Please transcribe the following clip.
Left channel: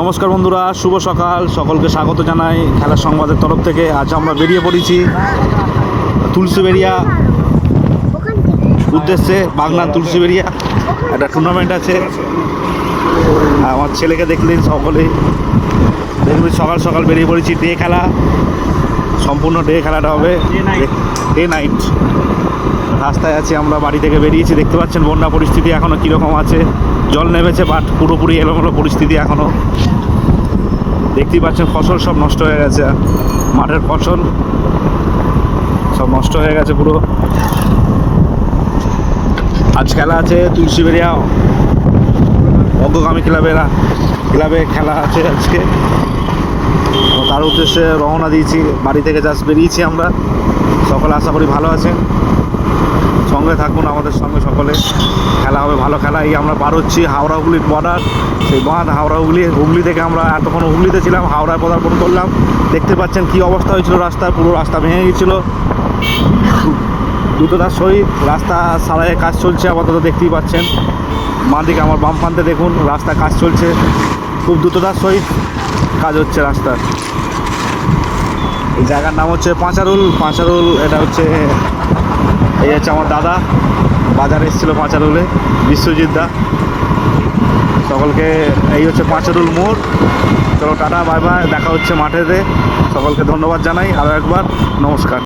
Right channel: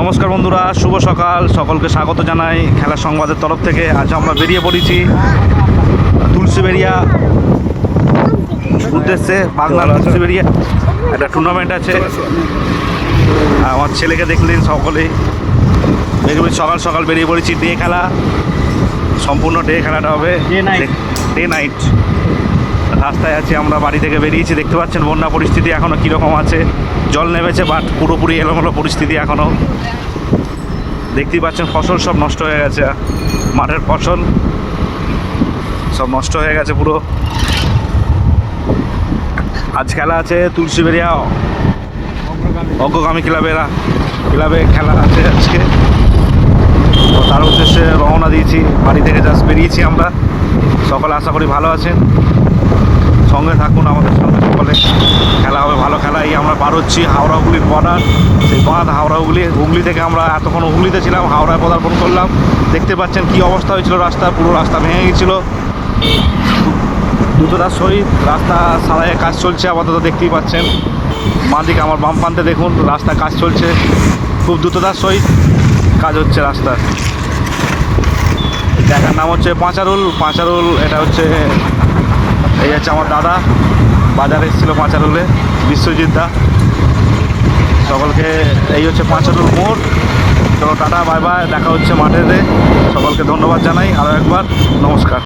নমস্কার বন্ধুরা, শুভ সকাল। সকলকে স্বাগত জানাই খেলার সংবাদের তরফ থেকে। আজ আমরা বেরিয়ে পড়েছি তুলসীবেড়িয়া উদ্দেশ্যে। বাগনান তুলসীবেড়িয়া একটা টুর্নামেন্ট আছে। আমার ছেলেকে দেখলেন সকলেই। সকাল সকাল বেরিয়ে পড়েছি। ডে খেলা, সম্পূর্ণ ডে খেলাটা হবে, ডে নাইট। রাস্তায় আছি আমরা, বাড়ি থেকে বেরিয়েছি। দেখতে পাচ্ছেন বন্যা পরিস্থিতি এখনও কীরকম আছে। জল নেমেছে, বাট পুরোপুরি এলোমেলো পরিস্থিতি এখনও। দেখতেই পাচ্ছেন ফসল সব নষ্ট হয়ে গেছে। মাঠের ফসল সব নষ্ট হয়ে গেছে পুরো। আজ খেলা আছে তুলসীবেড়িয়া অগ্রগামী ক্লাবে খেলা আছে আজকে। তো তার উদ্দেশ্যে রওনা দিয়েছি, বাড়ি থেকে জাস্ট বেরিয়েছি আমরা। সকলে আশা করি ভালো আছেন, সঙ্গে থাকুন আমাদের সঙ্গে সকলে। খেলা হবে ভালো খেলা। এই আমরা পার হচ্ছি হাওড়া হুগলির বর্ডার, সেই বাঁধ হাওড়া হুগলি থেকে আমরা এতক্ষণ হুগলিতে ছিলাম, হাওড়ায় পদার্পণ করলাম। দেখতে পাচ্ছেন কি অবস্থা হয়েছিল রাস্তা, পুরো রাস্তা ভেঙে গিয়েছিলো। দ্রুততার সহিত রাস্তা সারাইয়ের কাজ চলছে আপাতত, দেখতেই পাচ্ছেন। বাঁ দিকে আমার বাম প্রান্তে দেখুন, রাস্তা কাজ চলছে, খুব দ্রুততার সহিত কাজ হচ্ছে রাস্তার। এই জায়গার নাম হচ্ছে পাঁচারুল। এটা হচ্ছে, এই হচ্ছে আমার দাদা, বাজারে এসেছিলো পাঁচারুলে, বিশ্বজিৎ দা। সকলকে, এই হচ্ছে পাঁচারুল মোড়। চলো টাটা, বাই বাই, দেখা হচ্ছে মাঠেতে। সকলকে ধন্যবাদ জানাই আরও একবার, নমস্কার।